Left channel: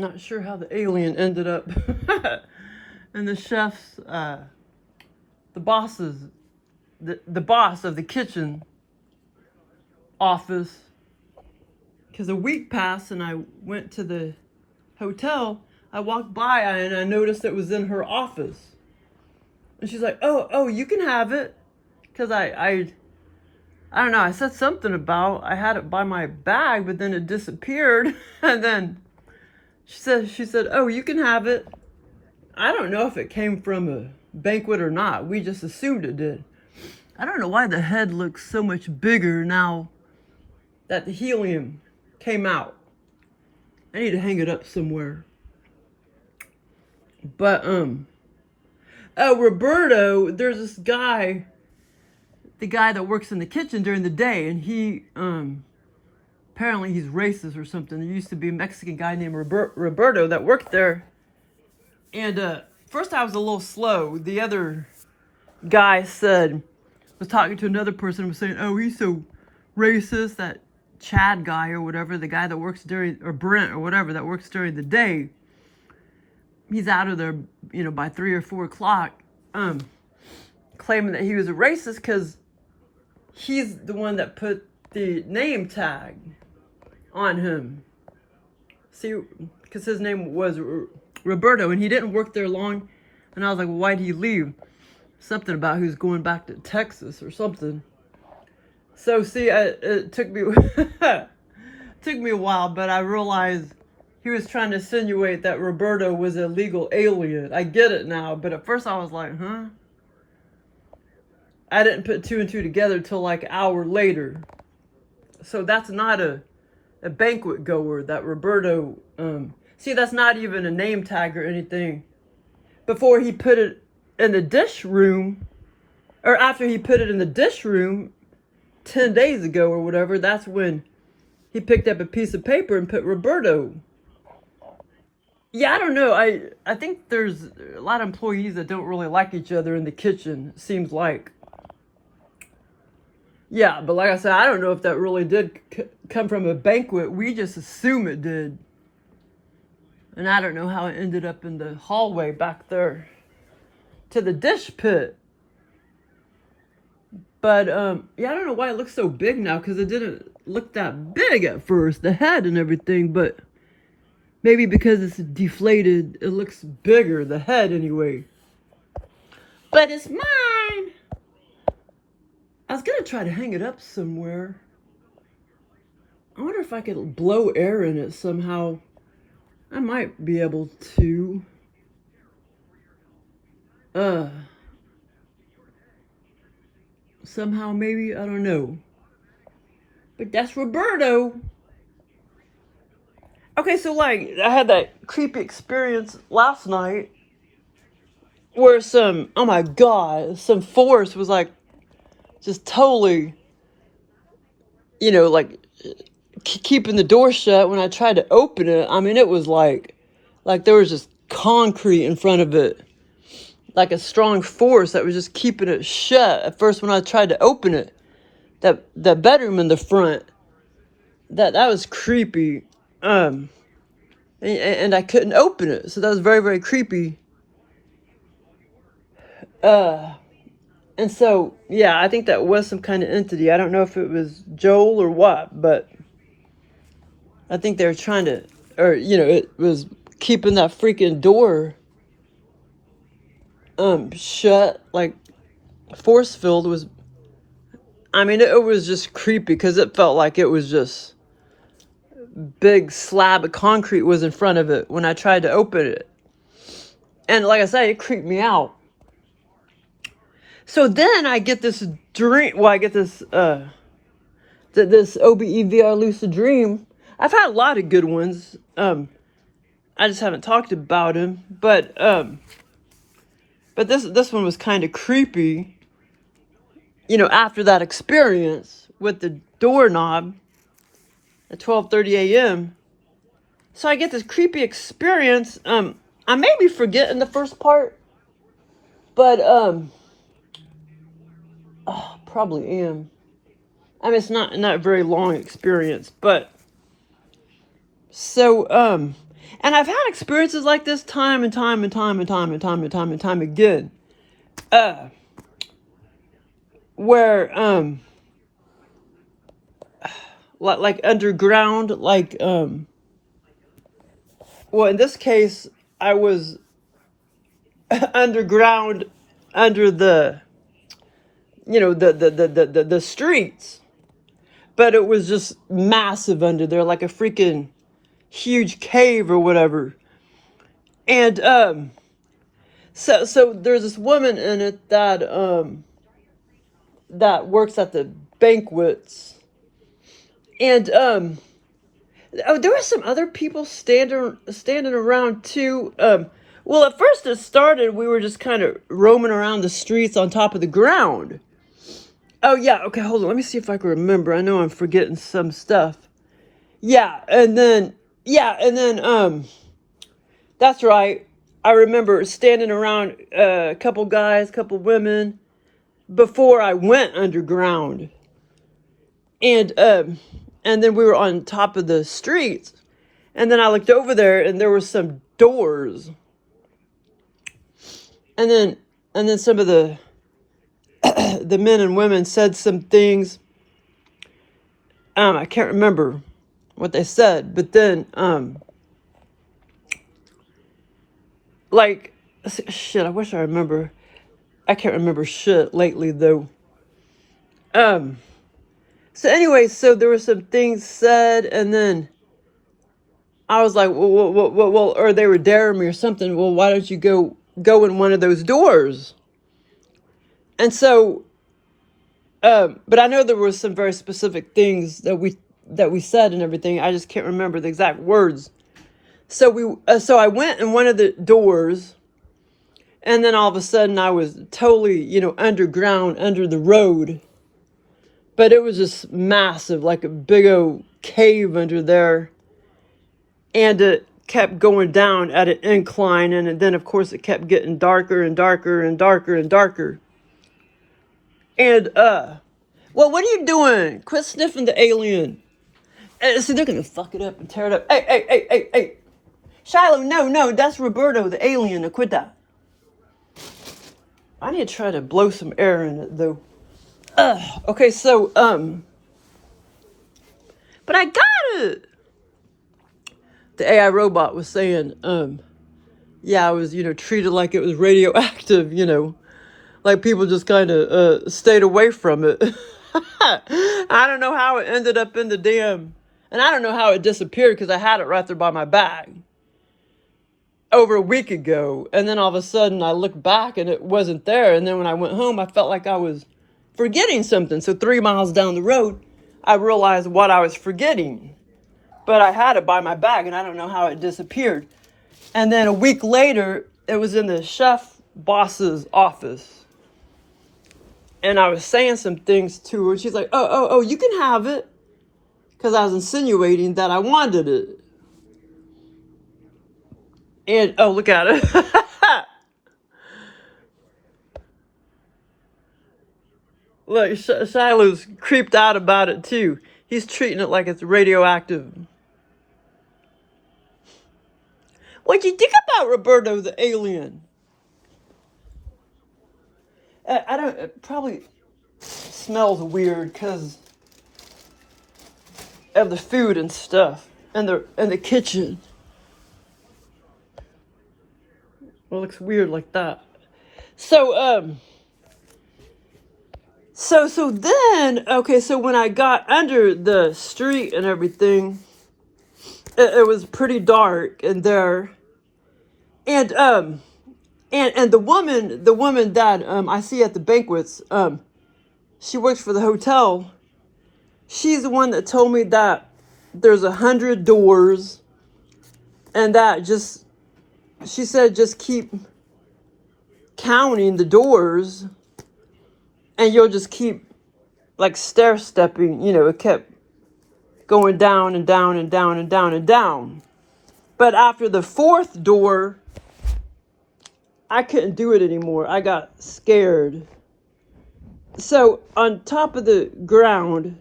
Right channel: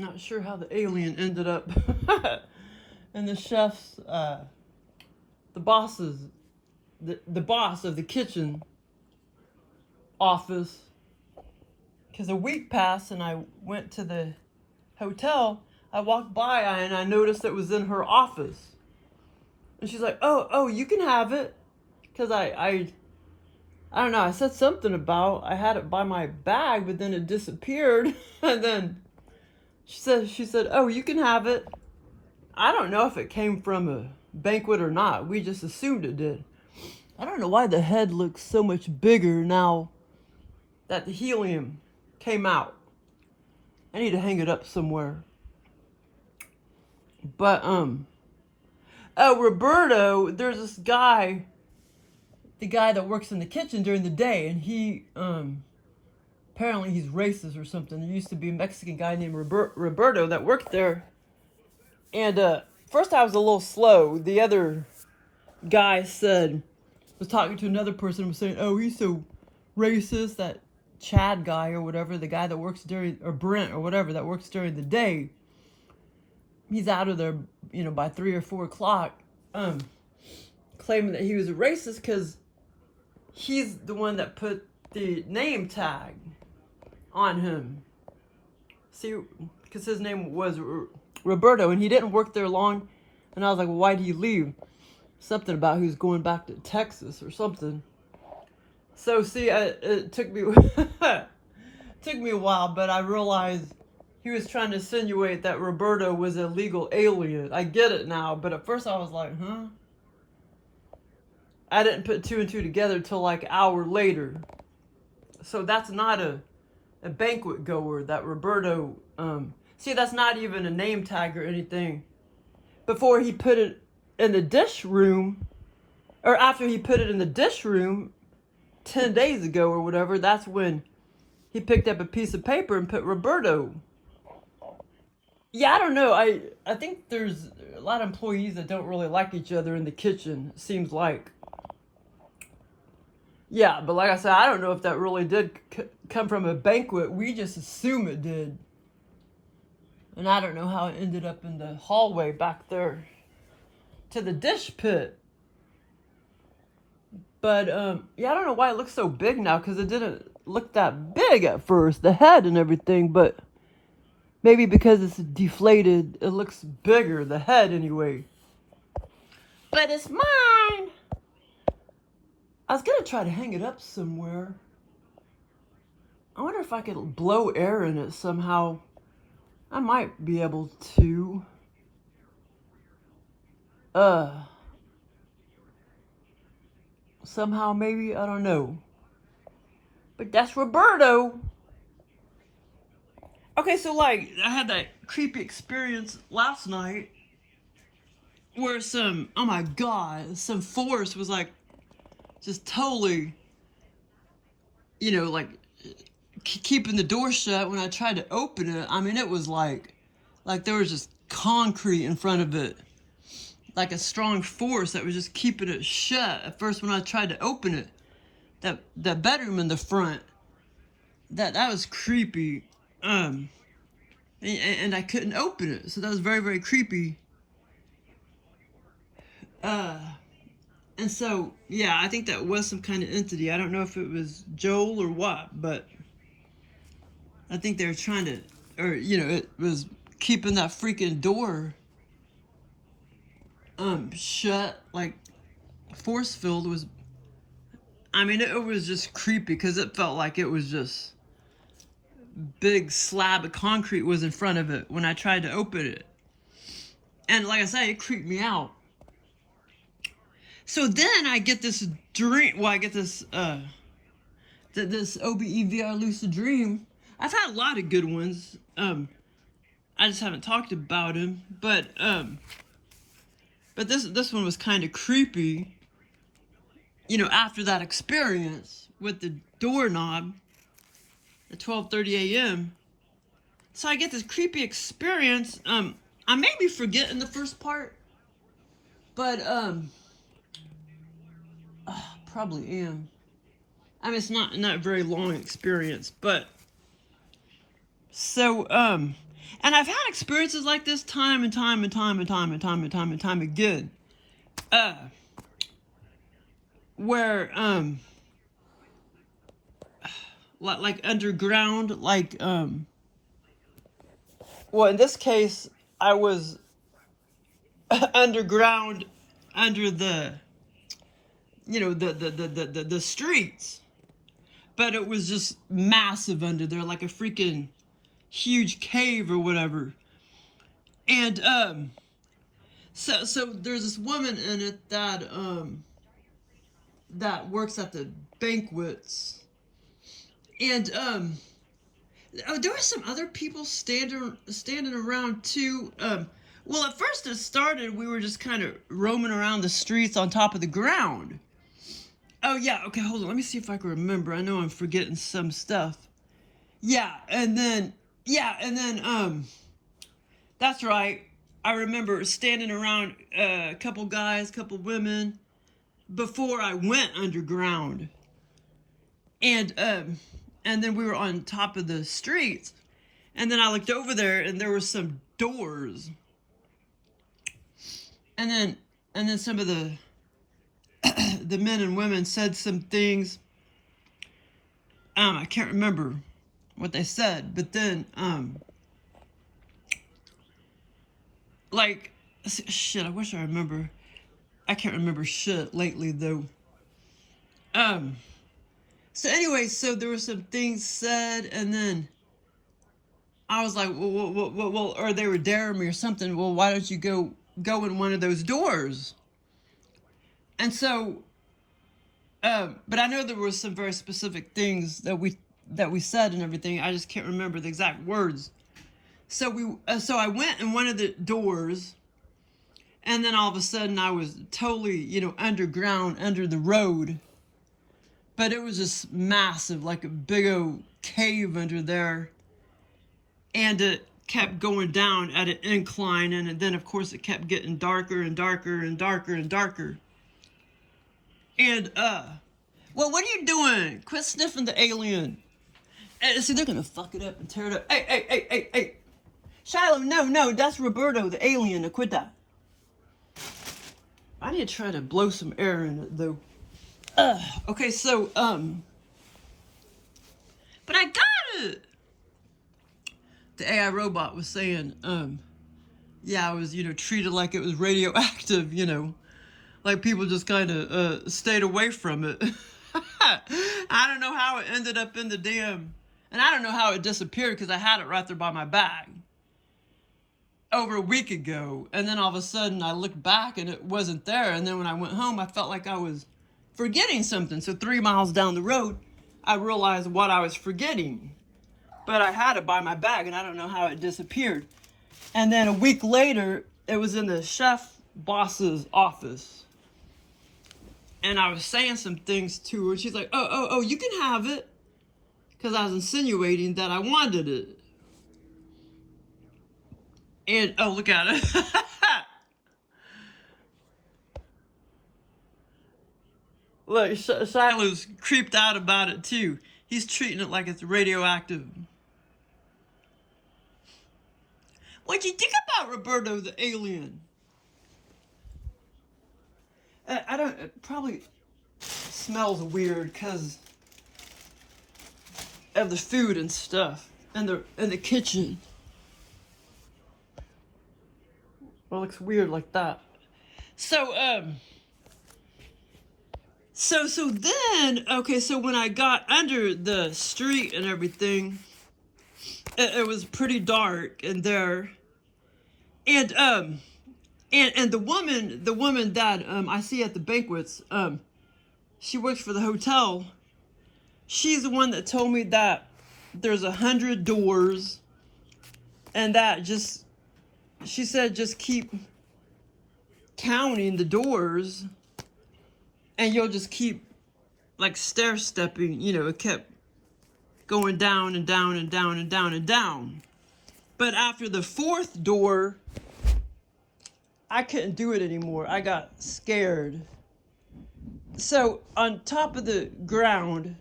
Not sure how the alien ended up in the chef's, the boss's, the boss of the kitchen office. Because a week passed and I went to the hotel. I walked by and I noticed it was in her office. And she's like, oh, you can have it. Because I don't know, I said something about I had it by my bag, but then it disappeared. And then she said, oh, you can have it. I don't know if it came from a banquet or not. We just assumed it did. I don't know why the head looks so much bigger now that the helium came out. I need to hang it up somewhere. But, oh, Roberto, there's this guy, the guy that works in the kitchen during the day, and he, apparently he's racist or something. There used to be a Mexican guy named Roberto that worked there. And, first I was a little slow. The other guy was talking to another person and was saying, oh, he's so racist, that Chad guy or whatever, the guy that works or Brent or whatever, that works during the day. He's out of there, by 3 or 4 o'clock, claiming that he was a racist because he's the one that put the name tag on him. See, because his name was Roberto, and he didn't work there long. And I was like, well, why did he leave? Something about he was going back to Texas or something. So see, it took me took me a while, but I realized he was trying to insinuate that Roberto was a legal alien. I get it now, but at first I was like, huh? I didn't put 2 and 2 together till like an hour later. So that's not a banquet goer, that Roberto. See, that's not even a name tag or anything. Before he put it in the dish room, or after he put it in the dish room 10 days ago or whatever, that's when he picked up a piece of paper and put Roberto. Yeah, I don't know. I think there's a lot of employees that don't really like each other in the kitchen, it seems like. Yeah, but like I said, I don't know if that really did come from a banquet. We just assume it did. And I don't know how it ended up in the hallway back there to the dish pit. But, yeah, I don't know why it looks so big now, because it didn't look that big at first, the head and everything, but maybe because it's deflated, it looks bigger, the head anyway. But it's mine! I was gonna try to hang it up somewhere. I wonder if I could blow air in it somehow. I might be able to. Somehow, maybe, I don't know. But that's Roberto. Okay, so like, I had that creepy experience last night where oh my God, some force was like, just totally, like, keeping the door shut when I tried to open it. I mean, it was like there was just concrete in front of it. Like a strong force that was just keeping it shut. At first when I tried to open it, that bedroom in the front, that was creepy. And I couldn't open it. So that was very, very creepy. And so, yeah, I think that was some kind of entity. I don't know if it was Joel or what, but I think they were trying to, or, it was keeping that freaking door shut, like force field was. I mean, it was just creepy because it felt like it was just big slab of concrete was in front of it when I tried to open it, and like I said, it creeped me out. So then I get this dream. Well, I get this this OBE-VR lucid dream. I've had a lot of good ones. I just haven't talked about him, but this one was kind of creepy, after that experience with the doorknob at 12:30 a.m. So I get this creepy experience. I may be forgetting the first part, but probably am. I mean, it's not a very long experience, but so And I've had experiences like this time and time and time and time and time and time and time again. Where like underground, like well, in this case I was underground under the the streets, but it was just massive under there, like a freaking huge cave or whatever. And so there's this woman in it that works at the banquets. And there were some other people standing around too. Well, at first it started, we were just kind of roaming around the streets on top of the ground. Oh yeah, okay, hold on. Let me see if I can remember. I know I'm forgetting some stuff. Yeah, and then that's right. I remember standing around a couple guys, couple women before I went underground. And then we were on top of the streets. And then I looked over there and there were some doors. And then some of the the men and women said some things. I can't remember what they said, but then like shit, I wish I remember. I can't remember shit lately though. So anyway, so there were some things said, and then I was like, well, or they were daring me or something. Well, why don't you go in one of those doors? And so, but I know there was some very specific things that we said and everything. I just can't remember the exact words. So I went in one of the doors, and then all of a sudden I was totally, underground, under the road. But it was just massive, like a big old cave under there. And it kept going down at an incline. And then, of course, it kept getting darker and darker and darker and darker. And, well, what are you doing? Quit sniffing the alien. See, they're going to fuck it up and tear it up. Hey. Shiloh, no, that's Roberto, the alien. Now quit that. I need to try to blow some air in it, though. Okay, so, but I got it. The AI robot was saying, yeah, I was, treated like it was radioactive, like people just kind of, stayed away from it. I don't know how it ended up in the damn, and I don't know how it disappeared because I had it right there by my bag over a week ago. And then all of a sudden I looked back and it wasn't there. And then when I went home, I felt like I was forgetting something. So 3 miles down the road, I realized what I was forgetting. But I had it by my bag and I don't know how it disappeared. And then a week later, it was in the chef boss's office. And I was saying some things to her. She's like, oh, you can have it. Because I was insinuating that I wanted it. And, oh, look at it. Look, Shiloh's creeped out about it too. He's treating it like it's radioactive. What'd you think about Roberto the alien? I don't, it probably smells weird because of the food and stuff and the kitchen. It looks weird like that. So, So then, okay, so when I got under the street and everything, it was pretty dark in there. And the woman that I see at the banquets, she works for the hotel. She's the one that told me that there's 100 doors, and that she said just keep counting the doors. And you'll just keep, like, stair-stepping, it kept going down and down and down and down and down. But after the 4th door, I couldn't do it anymore. I got scared. So, on top of the ground,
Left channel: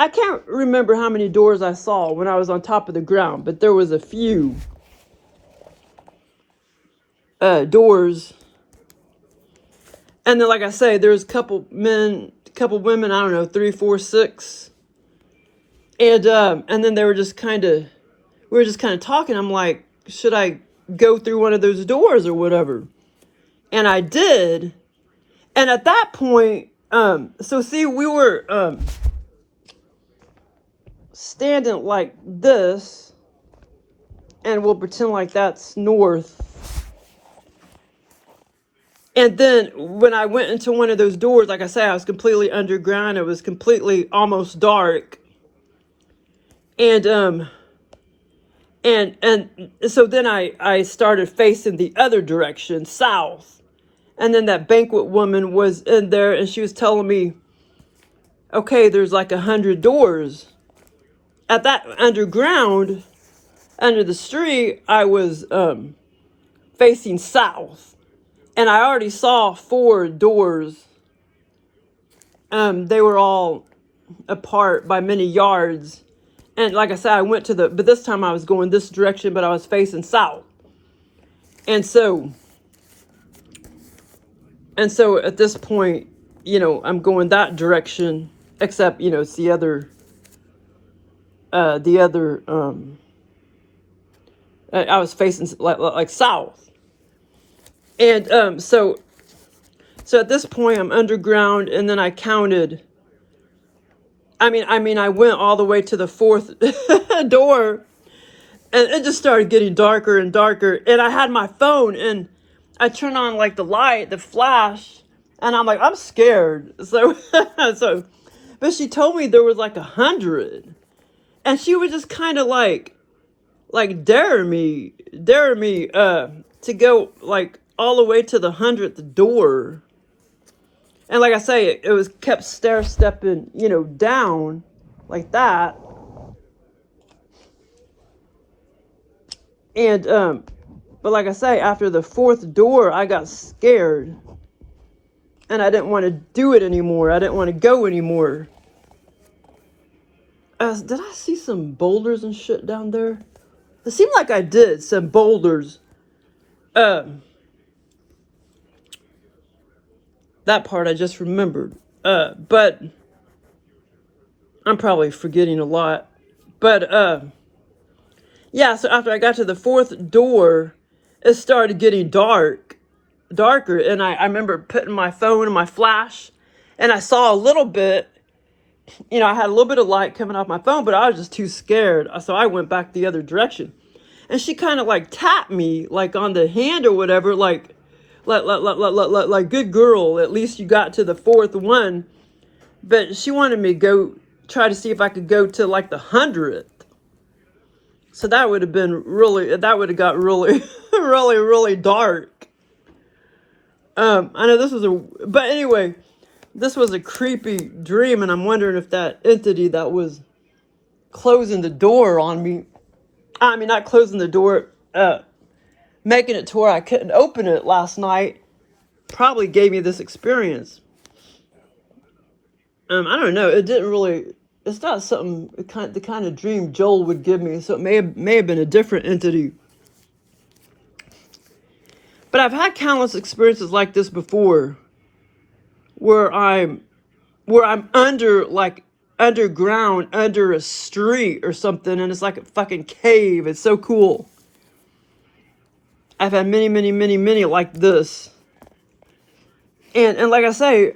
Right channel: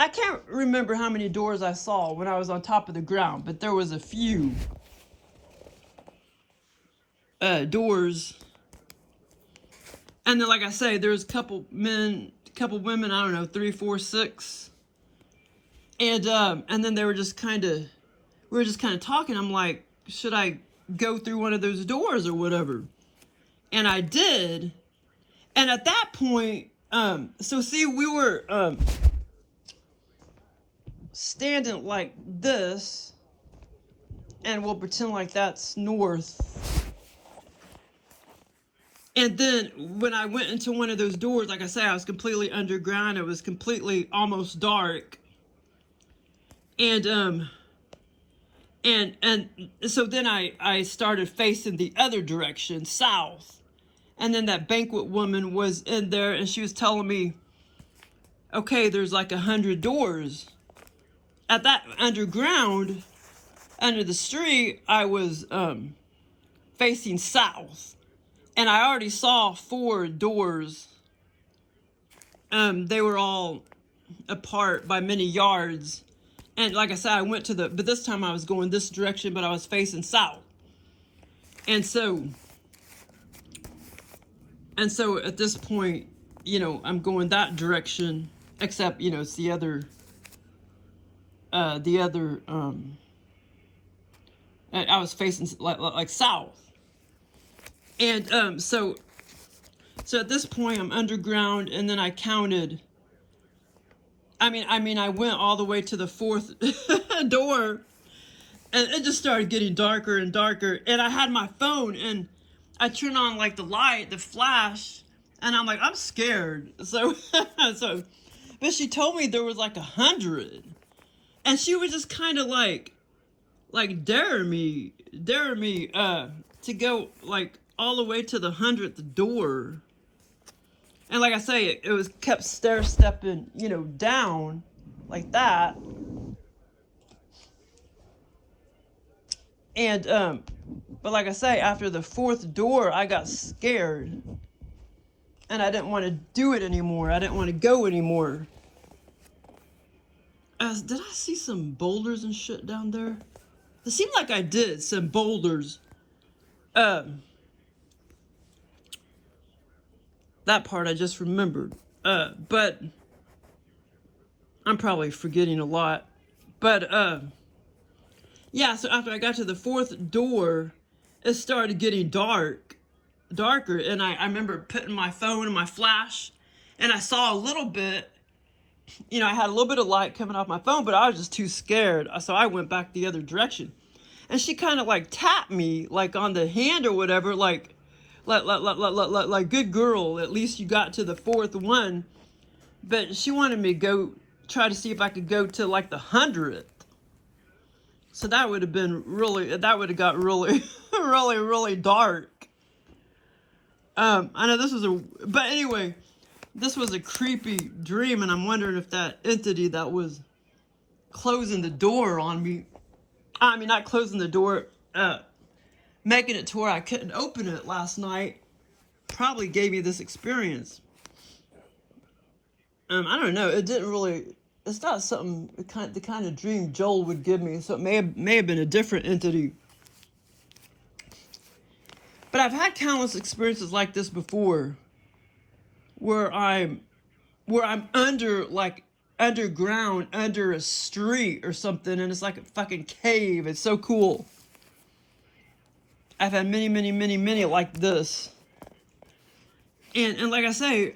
I can't remember how many doors I saw when I was on top of the ground, but there was a few doors. And then, like I say, there's a couple men, a couple women, I don't know, 3, 4, 6. And then they were just kind of, we were just kind of talking. I'm like, should I go through one of those doors or whatever? And I did. And at that point, so see, we were standing like this, and we'll pretend like that's north. And then when I went into one of those doors, like I say, I was completely underground. It was completely almost dark. And so then I started facing the other direction, south. And then that banquet woman was in there, and she was telling me, okay, there's like 100 doors. At that underground, under the street, I was facing south. And I already saw 4 doors. They were all apart by many yards. And like I said, I went to but this time I was going this direction, but I was facing south. And so at this point, I'm going that direction, except, it's the other, I was facing like south. And so at this point I'm underground, and then I counted. I went all the way to the 4th door, and it just started getting darker and darker. And I had my phone, and I turned on like the light, the flash, and I'm like, I'm scared. So but she told me there was like 100, and she was just kind of like dare me to go like all the way to the 100th door. And like I say, it was kept stair-stepping, down like that. And but like I say, after the 4th door, I got scared, and I didn't want to do it anymore. I didn't want to go anymore. Did I see some boulders and shit down there? It seemed like I did, some boulders. That part I just remembered. But I'm probably forgetting a lot. But yeah, so after I got to the 4th door, it started getting darker. And I remember putting my phone in my flash, and I saw a little bit. I had a little bit of light coming off my phone, but I was just too scared. So I went back the other direction. And she kind of like tapped me like on the hand or whatever, like good girl, at least you got to the 4th one. But she wanted me to go try to see if I could go to like the 100th. So that would have got really really dark. I know this was but anyway, this was a creepy dream, and I'm wondering if that entity that was closing the door on me, not closing the door, making it to where I couldn't open it last night, probably gave me this experience. I don't know. It didn't really. It's not something the kind of dream Joel would give me. So it may have been a different entity. But I've had countless experiences like this before, where I'm underground, under a street or something, and it's like a fucking cave. It's so cool. I've had many like this. And like I say,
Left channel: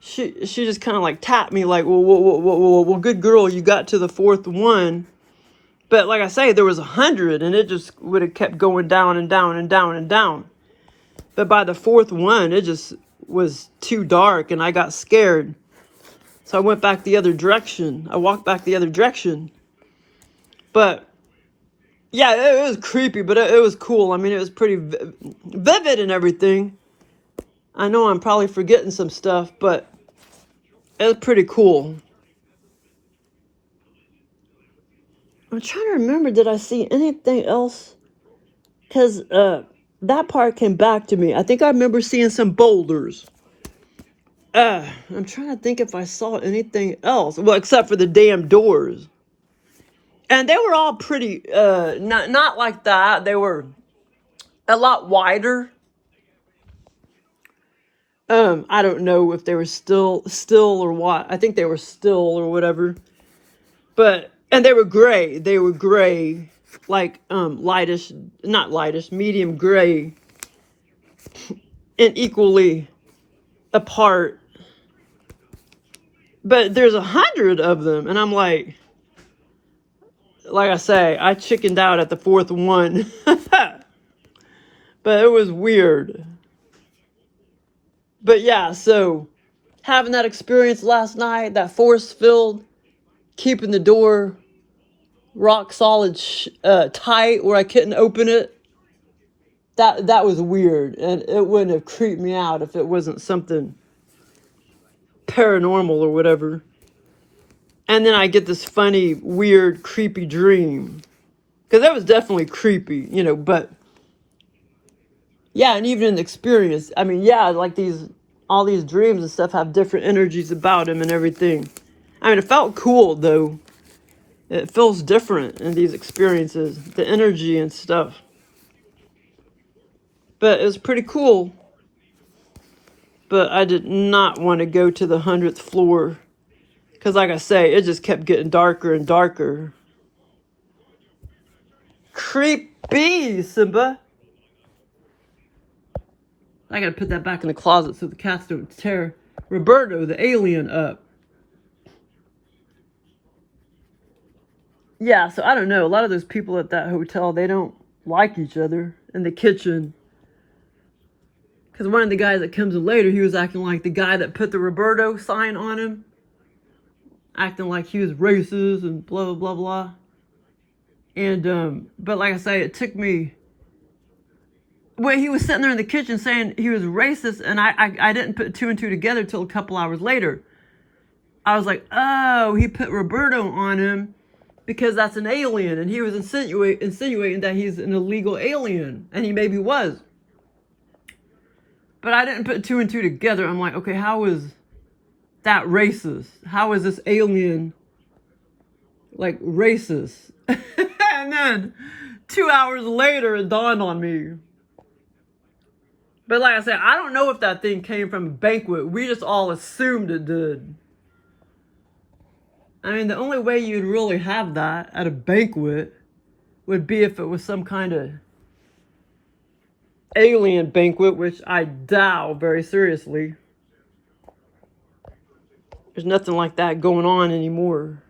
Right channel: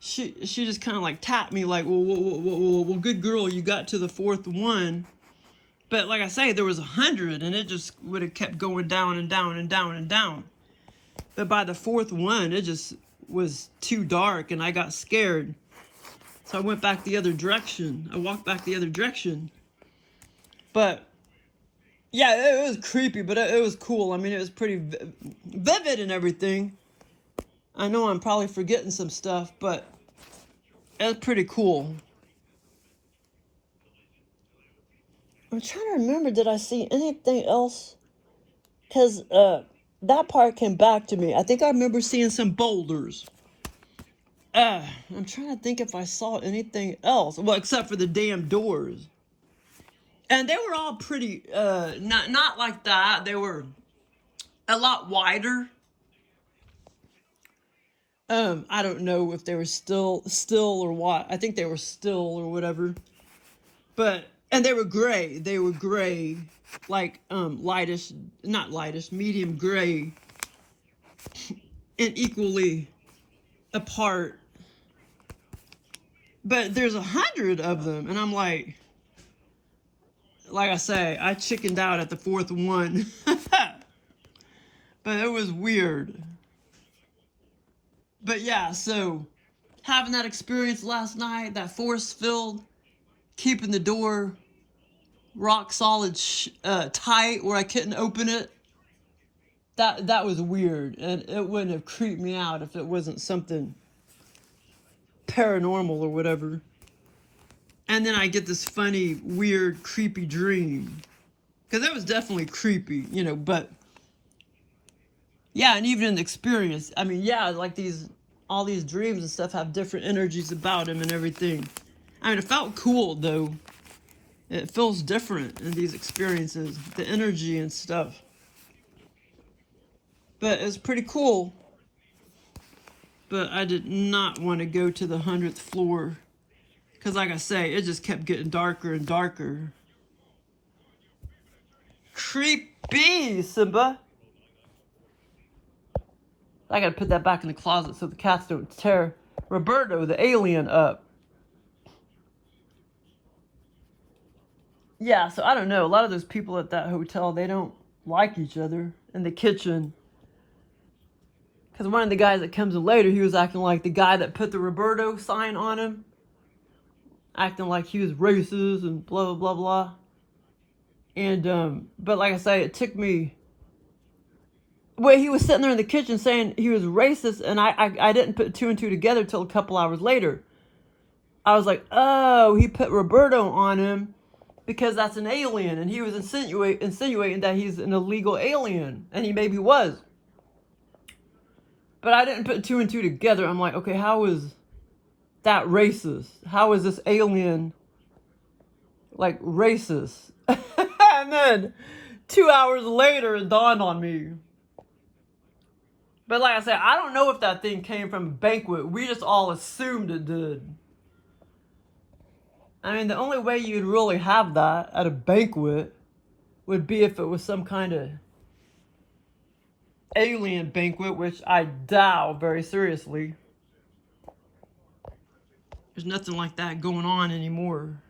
she just kind of like tapped me like, well, good girl, you got to the 4th one. But like I say, there was 100, and it just would have kept going down and down and down and down. But by the 4th one, it just was too dark, and I got scared. So I went back the other direction. I walked back the other direction. But yeah, it was creepy, but it was cool. It was pretty vivid and everything. I know I'm probably forgetting some stuff, but it was pretty cool. I'm trying to remember, did I see anything else? Because that part came back to me. I think I remember seeing some boulders. I'm trying to think if I saw anything else. Well, except for the damn doors. And they were all pretty, not like that. They were a lot wider. I don't know if they were still or what. I think they were still or whatever. But, and they were gray. They were gray, like, lightish, not lightish, medium gray. And equally apart. But there's 100 of them. And I'm like I say, I chickened out at the fourth one. But it was weird. But yeah, so having that experience last night, that force field, keeping the door rock solid tight where I couldn't open it, that was weird. And it wouldn't have creeped me out if it wasn't something paranormal or whatever. And then I get this funny, weird, creepy dream. Because that was definitely creepy, you know, but yeah, and even in the experience, I mean, yeah, like all these dreams and stuff have different energies about them and everything. I mean, it felt cool, though. It feels different in these experiences, the energy and stuff. But it was pretty cool. But I did not want to go to the 100th floor. Because like I say, it just kept getting darker and darker. Creepy, Simba. I gotta put that back in the closet so the cats don't tear Roberto, the alien, up. Yeah, so I don't know. A lot of those people at that hotel, they don't like each other in the kitchen. Because one of the guys that comes in later, he was acting like the guy that put the Roberto sign on him. Acting like he was racist and blah, blah, blah, blah. And, but like I say, it took me... Well, he was sitting there in the kitchen saying he was racist, and I didn't put two and two together till a couple hours later. I was like, oh, he put Roberto on him because that's an alien, and he was insinuating that he's an illegal alien, and he maybe was. But I didn't put two and two together. I'm like, okay, how is that racist? How is this alien, like, racist? And then 2 hours later, it dawned on me. But like I said, I don't know if that thing came from a banquet. We just all assumed it did. I mean, the only way you'd really have that at a banquet would be if it was some kind of alien banquet, which I doubt very seriously. There's nothing like that going on anymore.